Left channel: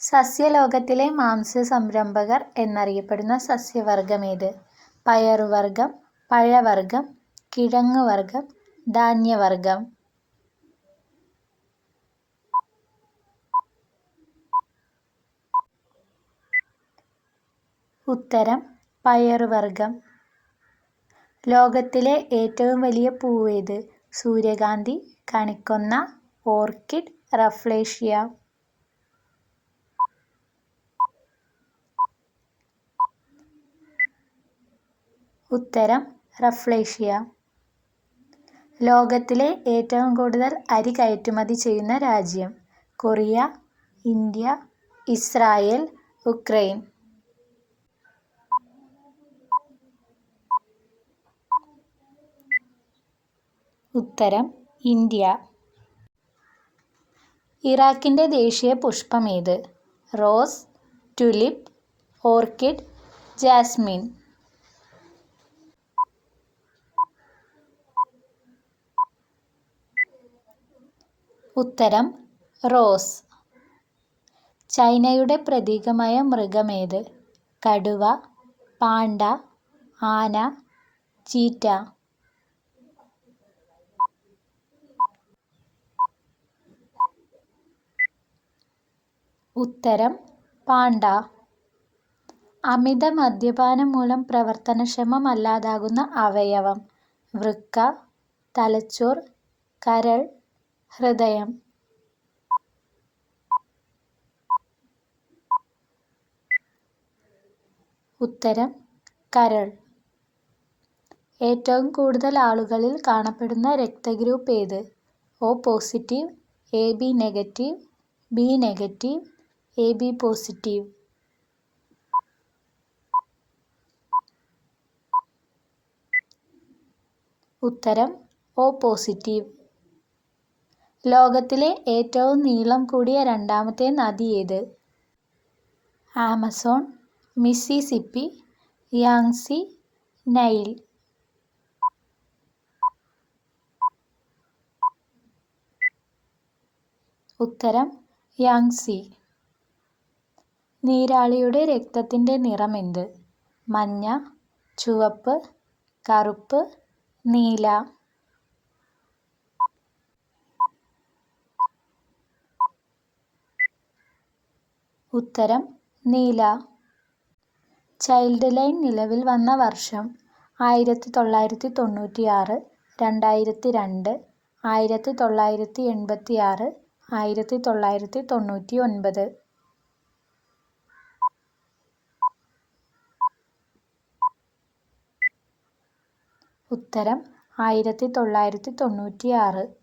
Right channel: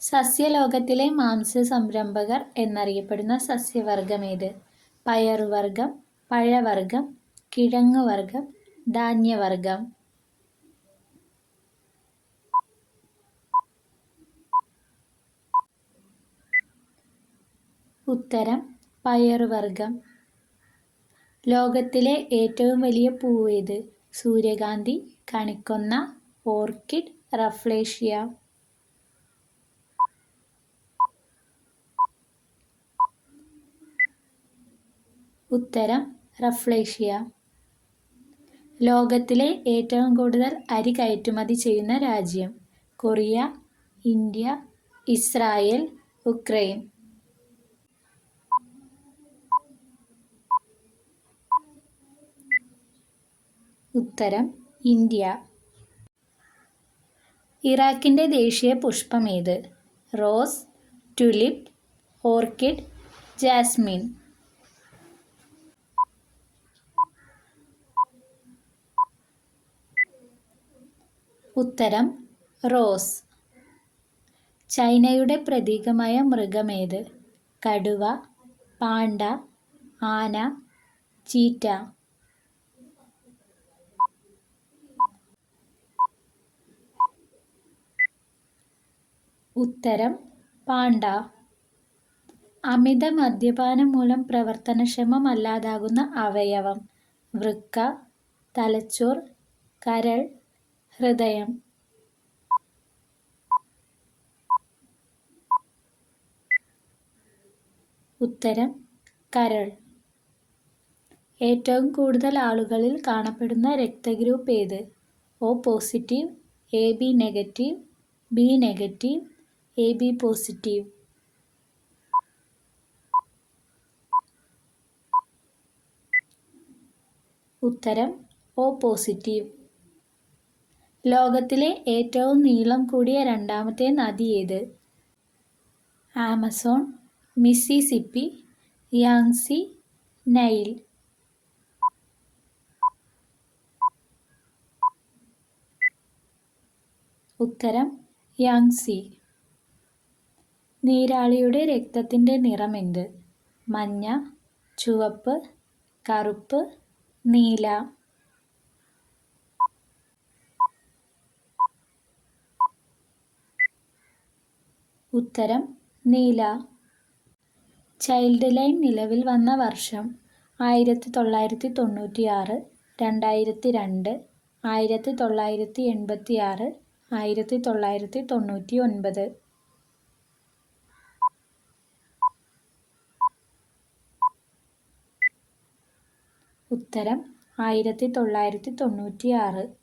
സസ്യലോകത്തിലെ മാംസ സംരംഭകർ എന്നറിയപ്പെടുന്ന സസ്യവർഗമേത് പയറുവർഗം പഴവർഗം കിഴങ്ങുവർഗം ധാന്യവർഗം ഉത്തരം പയറുവർഗം ലോകത്തിലെ ഏറ്റവും വലിയ പൂവേത്? സൂര്യകാന്തി, കണിക്കൊന്ന, ഓർക്കിഡ്, റഫ്ലേഷ്യ. ഉത്തരം റഫ്ലേഷ്യ. ലോകത്തിലെ ഏറ്റവും കൂടുതൽ അരി കയറ്റുമതി ചെയ്യുന്ന രാജ്യം? കൊറിയ, ഇന്ത്യ, ഇസ്രായേൽ, ഉക്രൈൻ ഉത്തരം ഇന്ത്യ. ഇറാഖിന്റെ ദേശീയ പുഷ്പം ഏത് റോസ്, ടുലിപ്പ്, ഓർക്കിഡ്, ജാസ്മിൻ. ഉത്തരം റോസ്. ചൈനയുടെ പ്രതീകമായ മൃഗമേത്? കടുവ, പാണ്ട, ആന, ചീറ്റ. ഉത്തരം പാണ്ട. അമിത മദ്യപാനം മൂലം പ്രവർത്തനക്ഷമമല്ലാതാകുന്ന അവയവം? വൃക്ക, തലച്ചോർ, കരൾ, ഹൃദയം. ഉത്തരം കരൾ. ഏറ്റവും കൂടുതൽ ആളുകളിൽ കാണപ്പെടുന്ന രക്തഗ്രൂപ്പ് ഏത്? O positive, A B negative, B negative, A B positive. ഉത്തരം ഒ പോസിറ്റീവ്. ലോകത്തിലെ ഏറ്റവും നീളം കൂടിയ രണ്ടാമത്തെ നദി ഏത്? Amazon, Mississippi Yangtze, Nile. ഉത്തരം യാങ്സി. നീരാളിയുടെ രക്തത്തിന്റെ നിറമെന്ത്? മഞ്ഞ, ചുവപ്പ്, കറുപ്പ്, നീല. ഉത്തരം നീല. ചൈൽഡ് ലൈൻ നിലവിൽ വന്ന വർഷം? ആയിരത്തി തൊള്ളായിരത്തി തൊണ്ണൂറ്റിയാറ്, രണ്ടായിരത്തി രണ്ട്, ആയിരത്തി തൊള്ളായിരത്തി എൺപത്തിയാറ്, ആയിരത്തി തൊള്ളായിരത്തി തൊണ്ണൂറ്റി ഒൻപത് ഉത്തരം ആയിരത്തി തൊള്ളായിരത്തി തൊണ്ണൂറ്റിയാറ്.